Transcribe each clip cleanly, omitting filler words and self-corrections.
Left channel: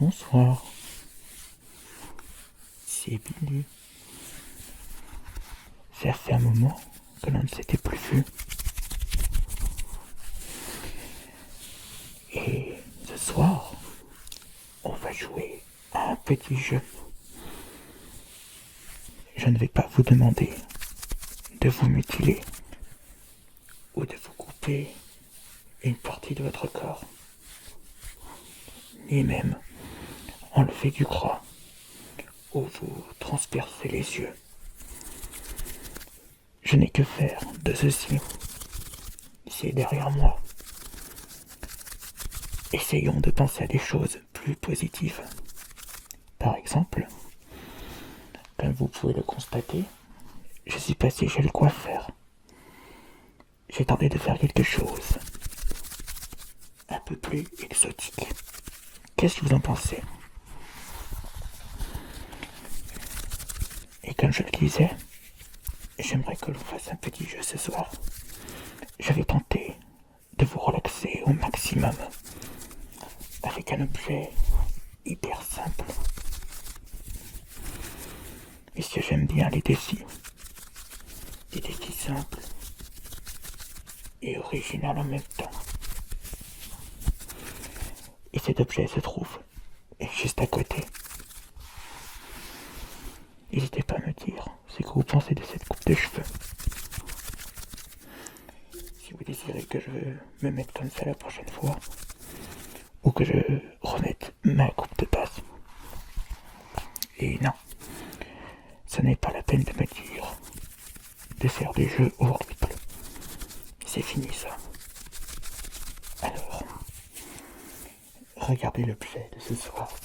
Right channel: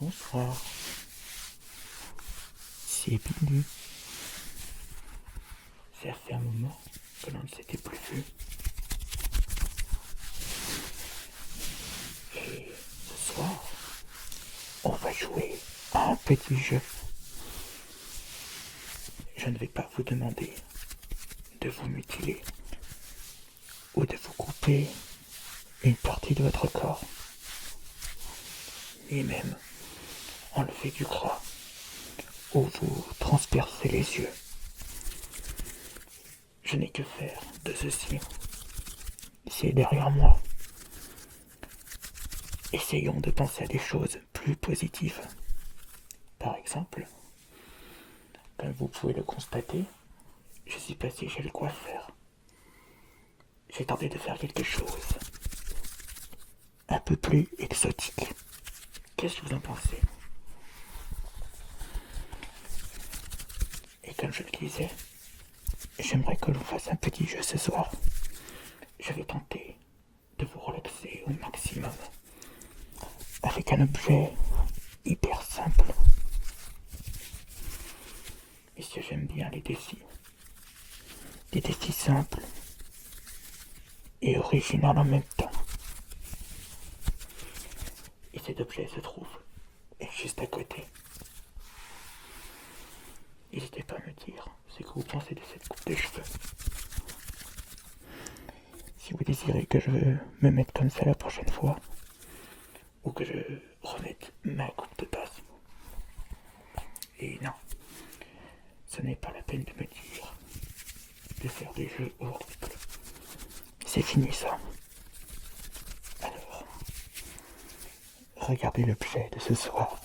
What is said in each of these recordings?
Bonsoir, c'est Billy. Ça fait un moment que l'on ne s'était plus vu. Et ce soir, on va jouer à un petit jeu. Je ne vais pas vous demander de vous mutiler ou de vous couper une partie de votre corps, ni même enlever du gras ou vous transpercer les yeux. Je n'ai que faire de ceci. C'est derrière moi. Essayons de penser à des choses plus positives. Par exemple, comme vous pouvez le constater, je suis passé chez le coiffeur. J'ai tenté de faire quelque chose un peu plus exotique. Qu'est-ce que vous en pensez? Et comme je le disais, j'aimerais que l'on fasse un petit jeu ce soir. Je vais tenter de vous relaxer au maximum avec un objet hyper simple. Puisque j'aime bien les défis. Des défis simples et originaux en même temps. Et cet objet se trouve juste à côté. N'hésitez pas à me dire ce que vous pensez de cette coupe de cheveux. Si vous désirez que je me mette comme ça la prochaine fois, ou que je remette ma coupe de base. Et non, ce n'est pas la peine de me dire de faire des jeux horribles. C'est fini ça. Alors, regardez l'objet de ce soir.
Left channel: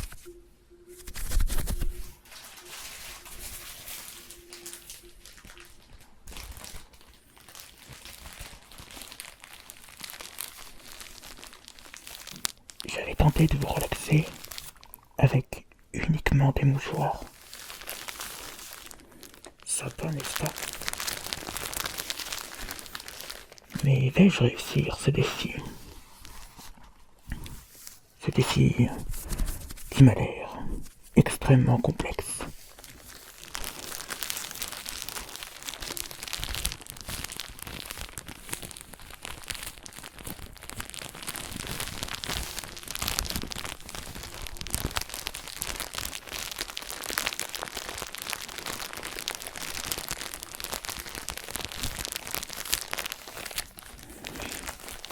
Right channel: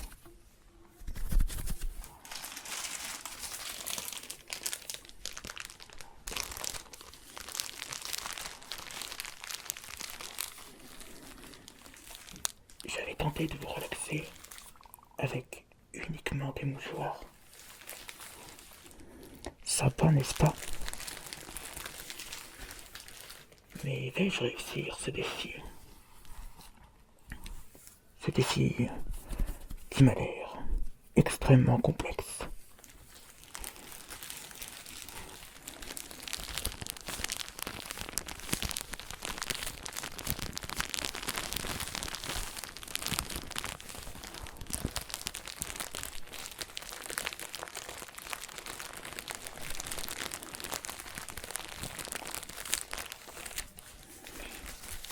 J'avais tenté de vous relaxer avec uniquement des mouchoirs. Ça va, n'est-ce pas? Mais vais-je réussir ce défi? Ce défi qui m'a l'air extrêmement complexe.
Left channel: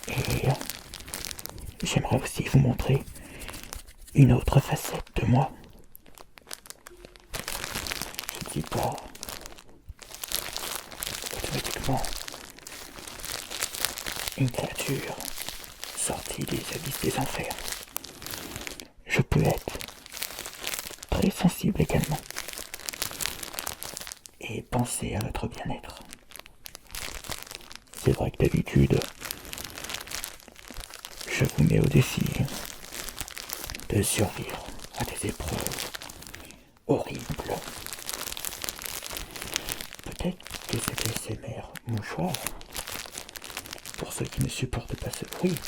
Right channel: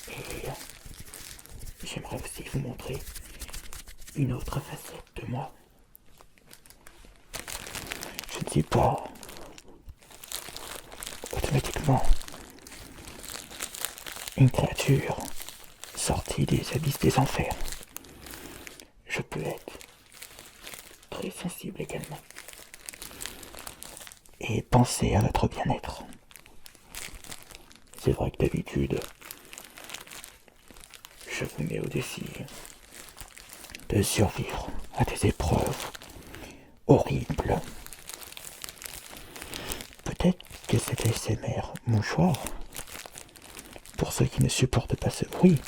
Et j'aimerais aussi vous montrer une autre facette de moi. Je ne suis pas automatiquement une créature sortie des abysses des enfers. Je peux être très sensible également et penser à votre bien-être. C'est vrai que d'habitude, je vous mets au défi de survivre à des épreuves horribles. Peut-être que cet ASMR mouchoir, pour ceux qui ne supportent pas ce bruit,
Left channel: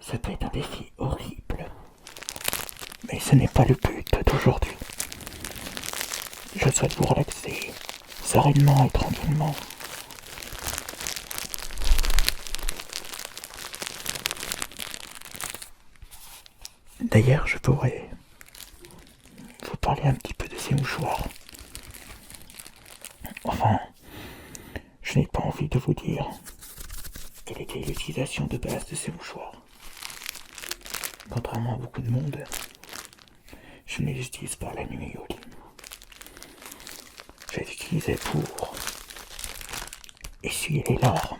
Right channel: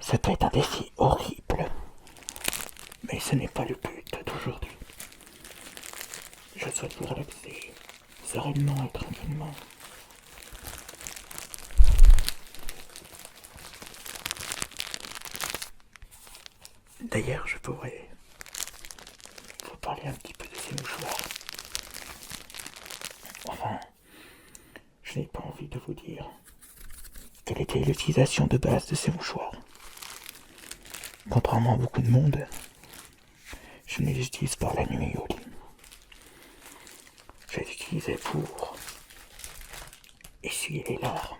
ça peut être un défi horrible. Mais ce n'est pas le but d'aujourd'hui. Je souhaite vous relaxer sereinement et tranquillement. D'ailleurs, je pourrais vous parler un petit peu de ces mouchoirs. Enfin, je n'ai pas envie de vous dire quelle était l'utilisation de base de ces mouchoirs. Contrairement à beaucoup de monde, je ne les utilise pas la nuit au lit. Je les utilisais pour essuyer les larmes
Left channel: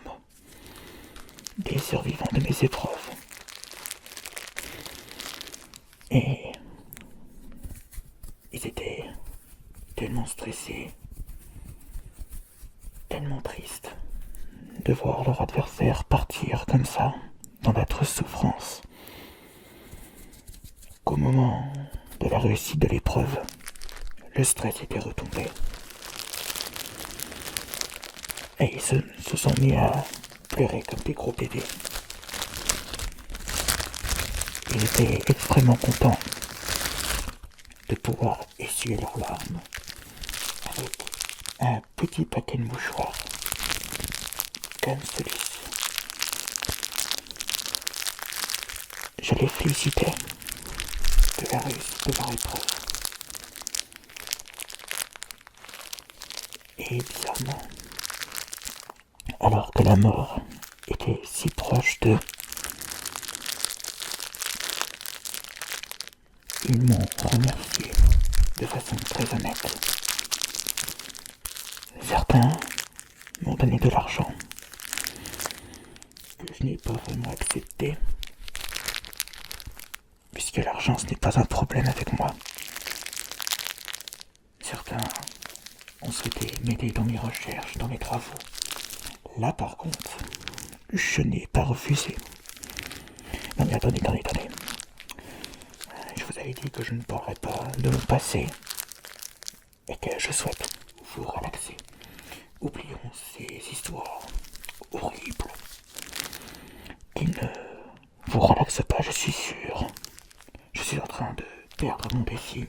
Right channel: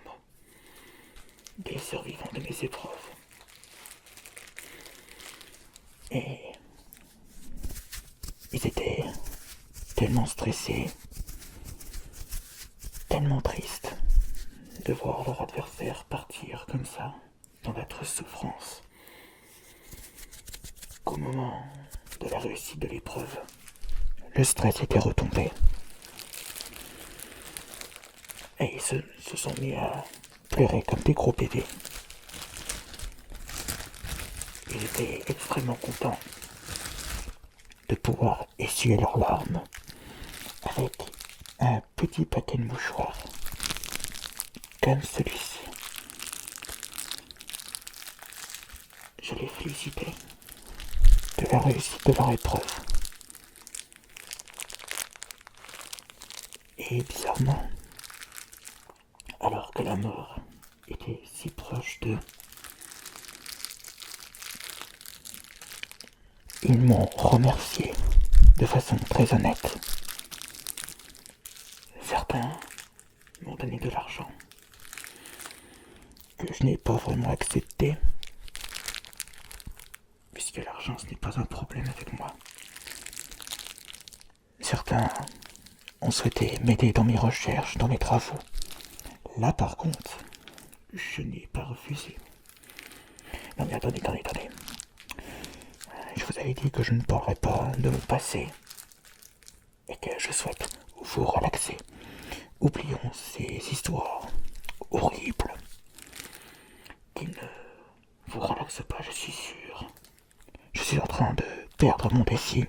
des survivants de mes épreuves. Et ils étaient tellement stressés, tellement tristes de voir leur adversaire partir comme ça, dans d'atroces souffrances, qu'au moment de la réussite de l'épreuve, le stress était retombé. Et ils se sont mis à pleurer comme des gros bébés. Ils étaient extrêmement contents de pouvoir essuyer leurs larmes avec un petit paquet de mouchoirs comme celui-ci. Je les félicitais de la réussite de leur épreuve. Et bizarrement, alors que la mort était si proche d'eux, ils m'ont remercié de façon très honnête. Certains m'ont donné de l'argent que je n'ai pas vraiment accepté, puisque l'argent ce n'est pas un problème avec moi. Certains ont souhaité m'aider dans mes recherches, dans mes travaux. Là par contre, je n'ai pas refusé. Non mais attendez. Je vous avais dit que je ne parlerais pas de mon passé et que je souhaite vous relaxer. Oublions ces histoires horribles qui ne vous relaxent pas, je suis sûr. Je suis en train de perdre mon défi.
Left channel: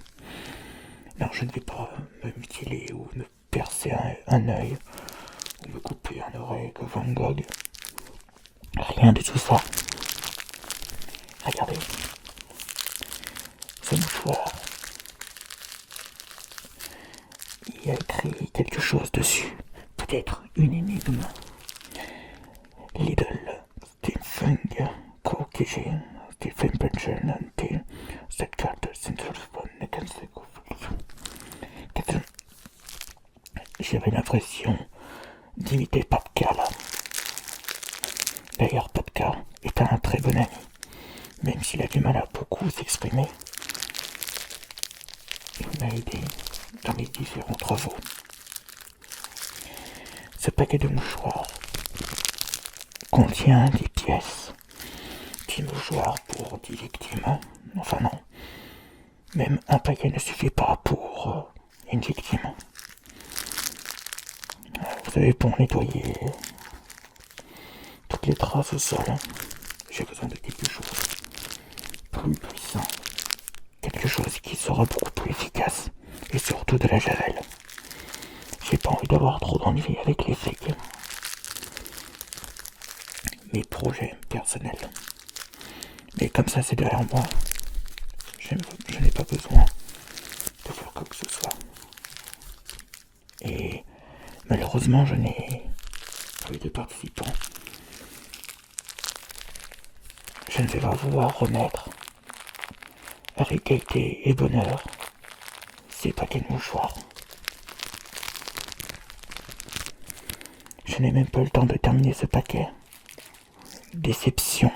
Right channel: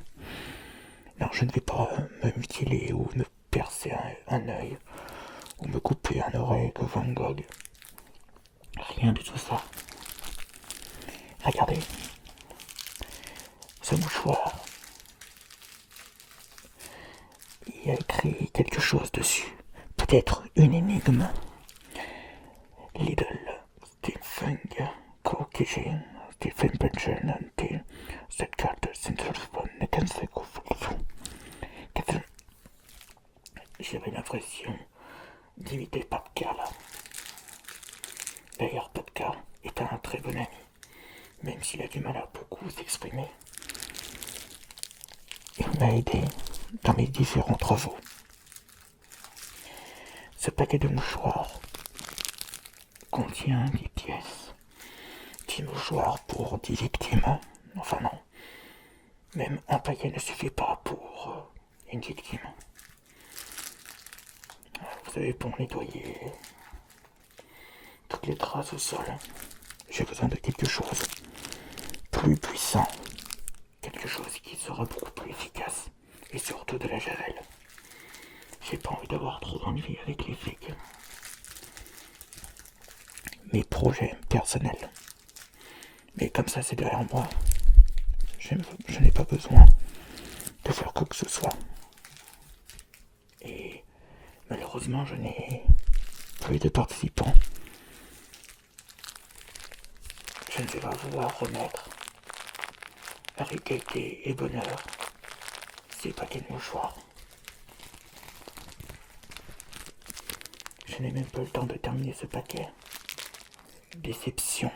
Non, je ne vais pas me mutiler ou me percer un œil ou me couper un oreille que Van Gogh. Rien de tout ça. Regardez. Ce mouchoir. Il y a écrit quelque chose dessus. Peut-être une énigme. Lidl, Stephen Kokijin, Stephen Benjen, till cette carte synthrophone kan se J'avais l'impression d'imiter Papka là. D'ailleurs, Papka est un très bon ami, même s'il a du mal à beaucoup s'exprimer. Il m'a aidé dans mes différents travaux. Ce paquet de mouchoirs contient 10 pièces. 10 mouchoirs pour 10 victimes. Enfin non. Même un paquet ne suffit pas pour une victime. Vous savez, pour nettoyer toutes les traces au sol, j'ai besoin de quelque chose plus puissant. Quelque chose qui sera beaucoup plus efficace. Et surtout de la javel. J'ai pas envie d'avoir trop d'ennuis avec les flics. Mes projets personnels. Mais comme ça c'est derrière moi, je n'ai pas besoin de faire quoi que ce soit. Et malheureusement je n'ai plus de participants. Je ne vais pas pouvoir remettre avec gaieté et bonheur ces paquets de mouchoirs. Je n'ai même pas le temps de terminer ce paquet. Déception.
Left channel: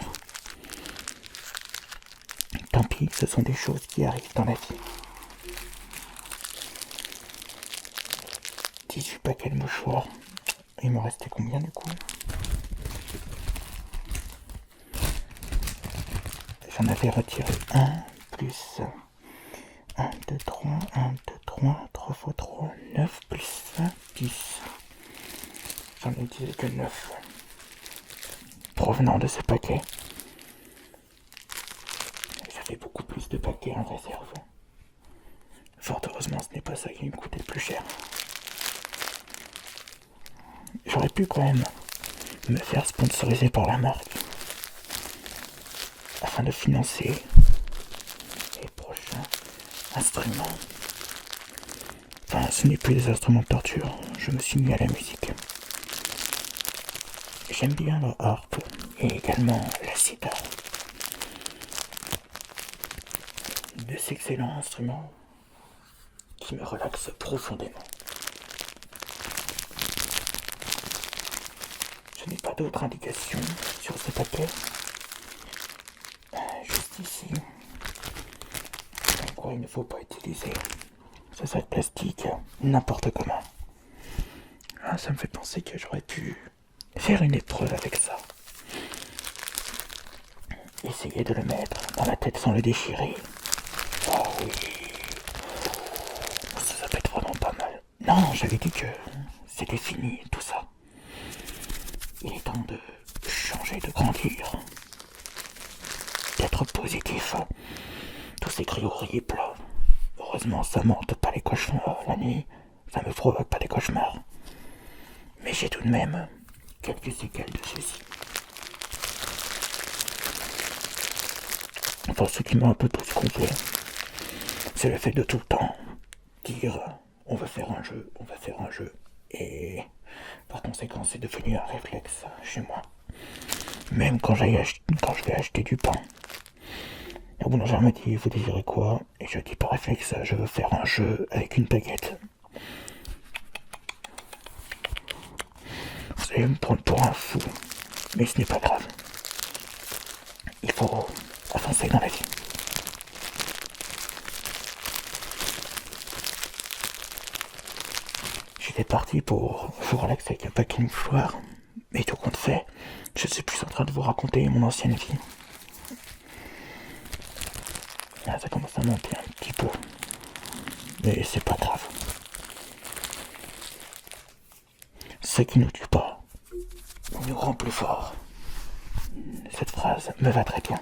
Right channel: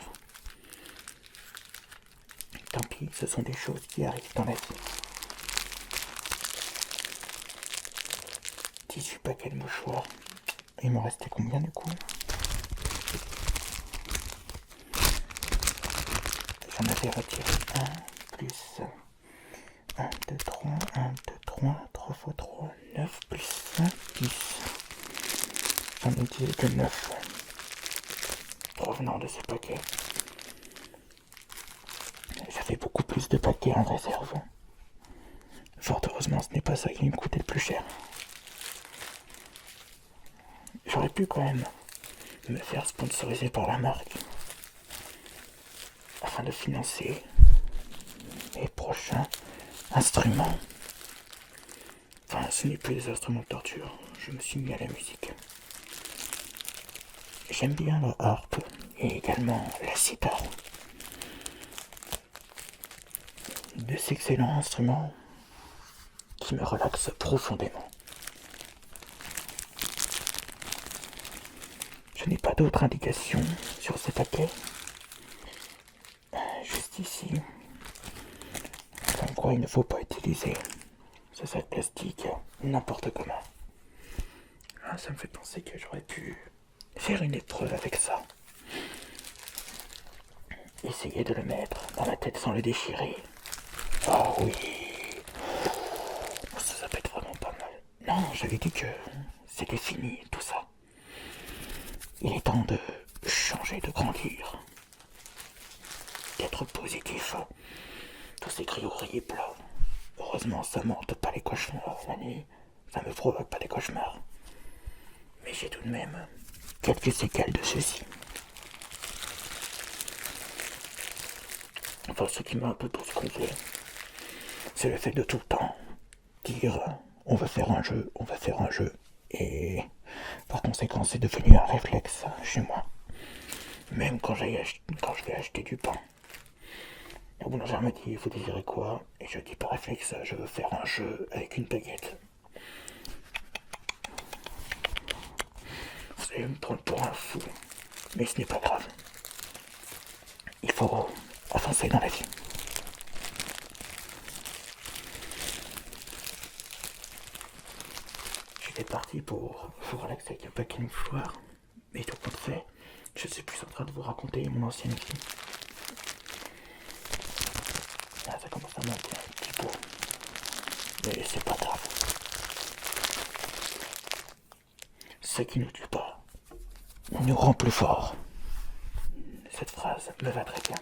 Tant pis, ce sont des choses qui arrivent dans la vie. 18 paquets de mouchoirs. Il me restait combien du coup? J'en avais retiré 1 plus 1, 2, 3, 1, 2, 3, 3 fois 3, 9 plus 1, 10. J'en ai utilisé que 9 provenant de ce paquet. J'avais beaucoup plus de paquets en réserve. Fort heureusement, ce n'est pas ça qui me coûtait le plus cher. J'aurais pu quand même me faire sponsoriser par la marque afin de financer les prochains instruments. Enfin, ce n'est plus des instruments de torture, je me suis mis à la musique. J'aime bien le harpe et également la sitar. Deux excellents instruments qui me relaxent profondément. Je n'ai pas d'autres indications sur ce paquet. Juste ici. Comme quoi il ne faut pas utiliser ce sac plastique n'importe comment. Ah, ça me fait penser que j'aurais pu faire une épreuve avec ça. Essayer de le mettre dans la tête sans le déchirer. Oh oui. Ça peut être vraiment pas mal. Non, j'avais dit que c'était fini tout ça. Il est temps de changer, de grandir. D'être positif. Tous ces cris horribles. Oh Heureusement, ça m'hante pas les cauchemars la nuit, ça me provoque pas des cauchemars. Mais j'ai tout de même quelques séquelles de ceci. Enfin, ce qui m'a un peu plus gonflé, c'est le fait de tout le temps dire on va faire un jeu, on va faire un jeu. Et par conséquent, c'est devenu un réflexe chez moi. Même quand je vais acheter du pain. Le boulanger me dit vous désirez quoi? Et je dis par réflexe je veux faire un jeu avec une baguette. Vous allez me prendre pour un fou, mais ce n'est pas grave. Il faut avancer dans la vie. J'étais parti pour vous relaxer avec un paquet de mouchoirs, mais tout compte fait, je suis plus en train de vous raconter mon ancienne vie. Là, ça commence à monter un petit peu, mais c'est pas grave. Ce qui nous tue pas nous rend plus fort. Cette phrase me va très bien.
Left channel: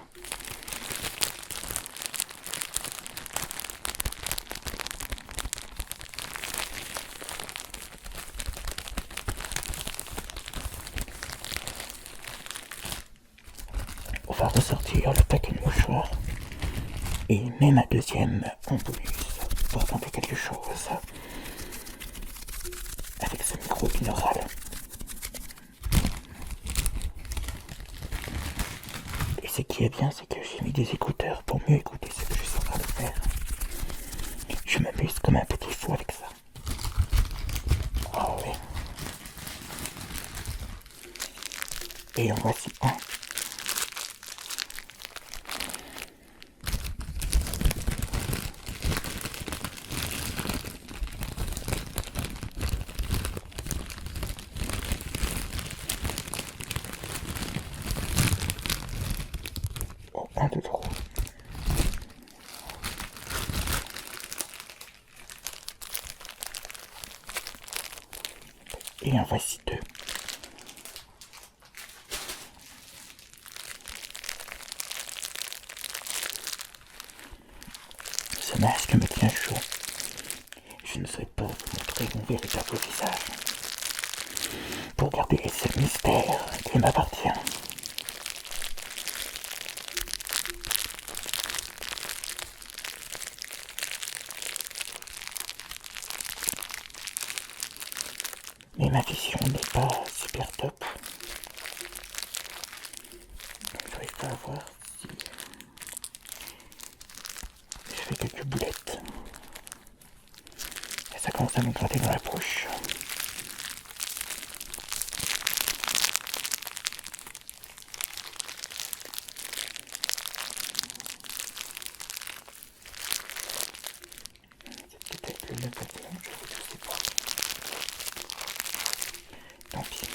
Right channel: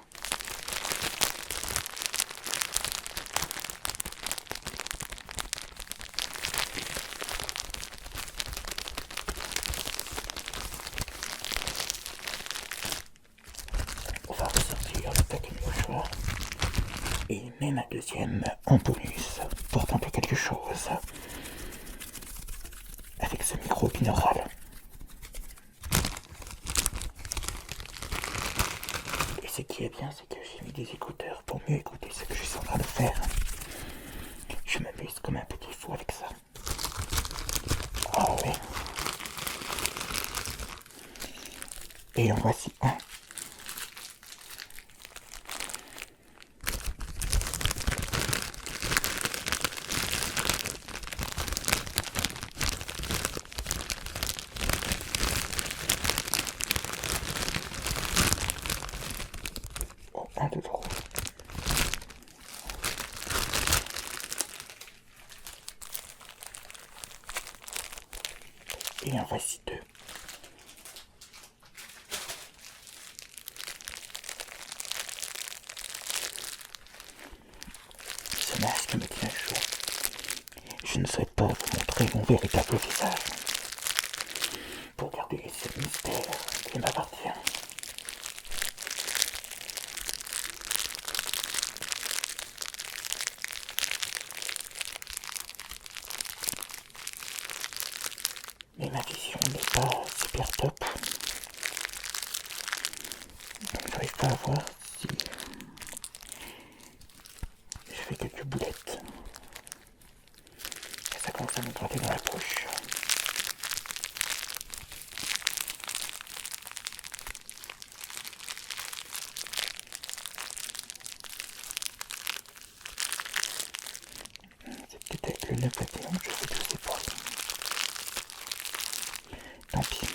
On va ressortir le paquet de mouchoirs et même un deuxième en bonus pour tenter quelque chose avec ce micro binaural. Et ce qui est bien, c'est que j'ai mis des écouteurs pour mieux écouter ce que je suis en train de faire. Je m'amuse comme un petit fou avec ça. Ah ouais. Et en voici un. Oh, un de trop. Et en voici deux. Ce masque me tient chaud. Je ne souhaite pas vous montrer mon véritable visage. Pour garder ce mystère qui m'appartient. Mais ma vision n'est pas super top. Donc je n'arrive pas à voir si je fais quelques boulettes. Et ça commence à me gratter dans la bouche. C'est peut-être le nœud papillon, je sais pas. Tant pis.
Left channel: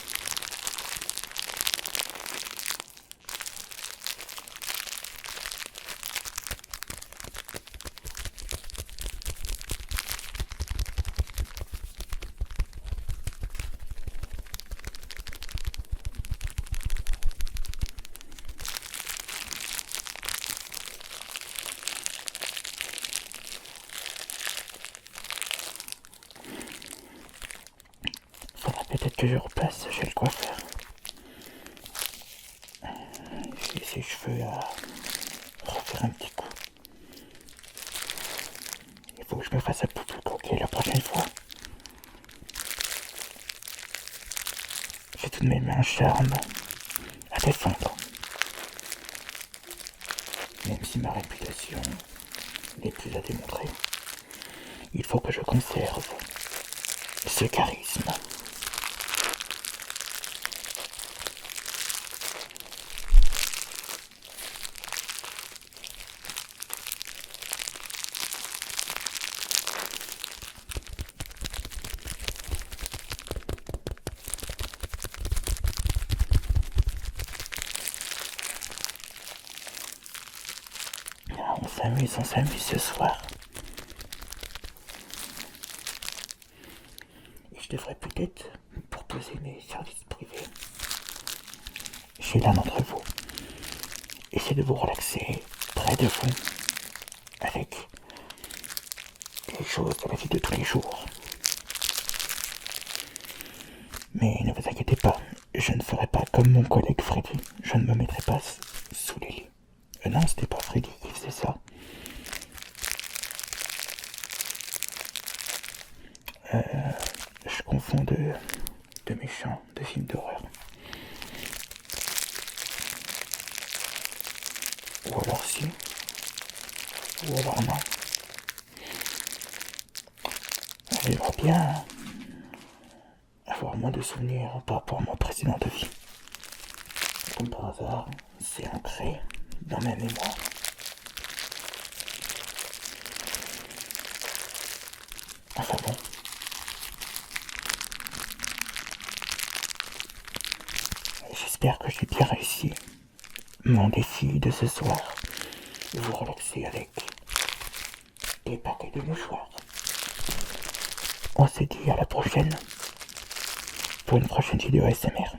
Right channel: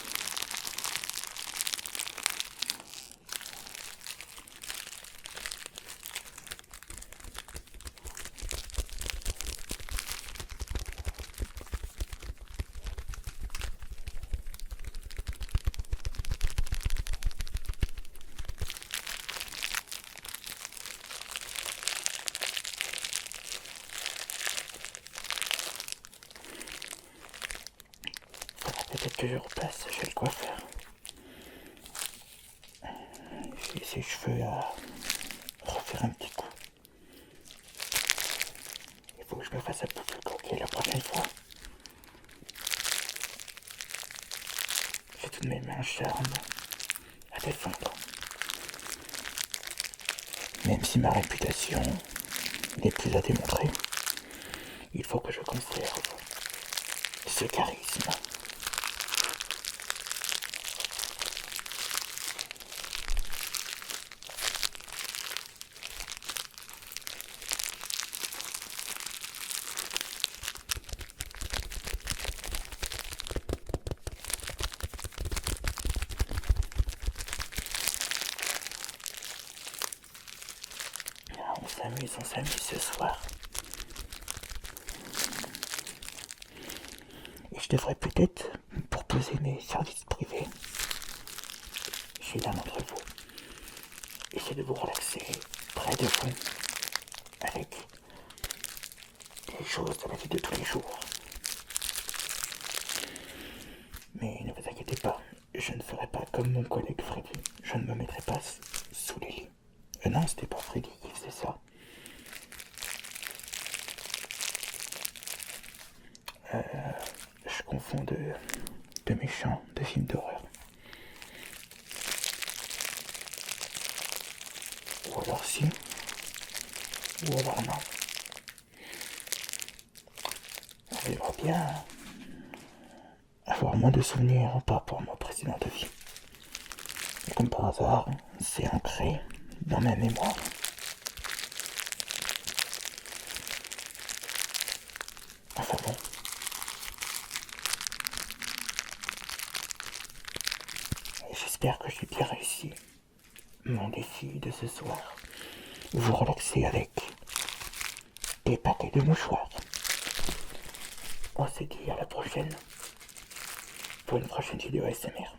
Peut-être que je repasse chez le coiffeur. J'ai ses cheveux à refaire un petit coup. Il faut que je me fasse un peu plus coquet la prochaine fois. J'ai tout de même un charme à défendre. Même si ma réputation n'est plus à démontrer, il faut que je conserve ce charisme. On s'amuse ce soir. Et je devrais peut-être proposer mes services privés chez l'un d'entre vous. Essayez de vous relaxer près de vous avec les choses de la vie de tous les jours. Mais ne vous inquiétez pas, je ne ferai pas comme mon collègue Freddy. Je ne me mettrai pas sous les lits. Non, c'était pas Freddy qui faisait ça. Je confonds de méchants, de films d'horreur. Ou alors si, ou alors non. J'aimerais bien avoir moins de souvenirs par rapport à ma précédente vie. Comme par hasard, c'est ancré dans ma mémoire. Enfin bon. J'espère que j'ai bien réussi mon défi de ce soir. Vous relaxer avec des paquets de mouchoirs. On se dit à la prochaine pour une prochaine vidéo ASMR.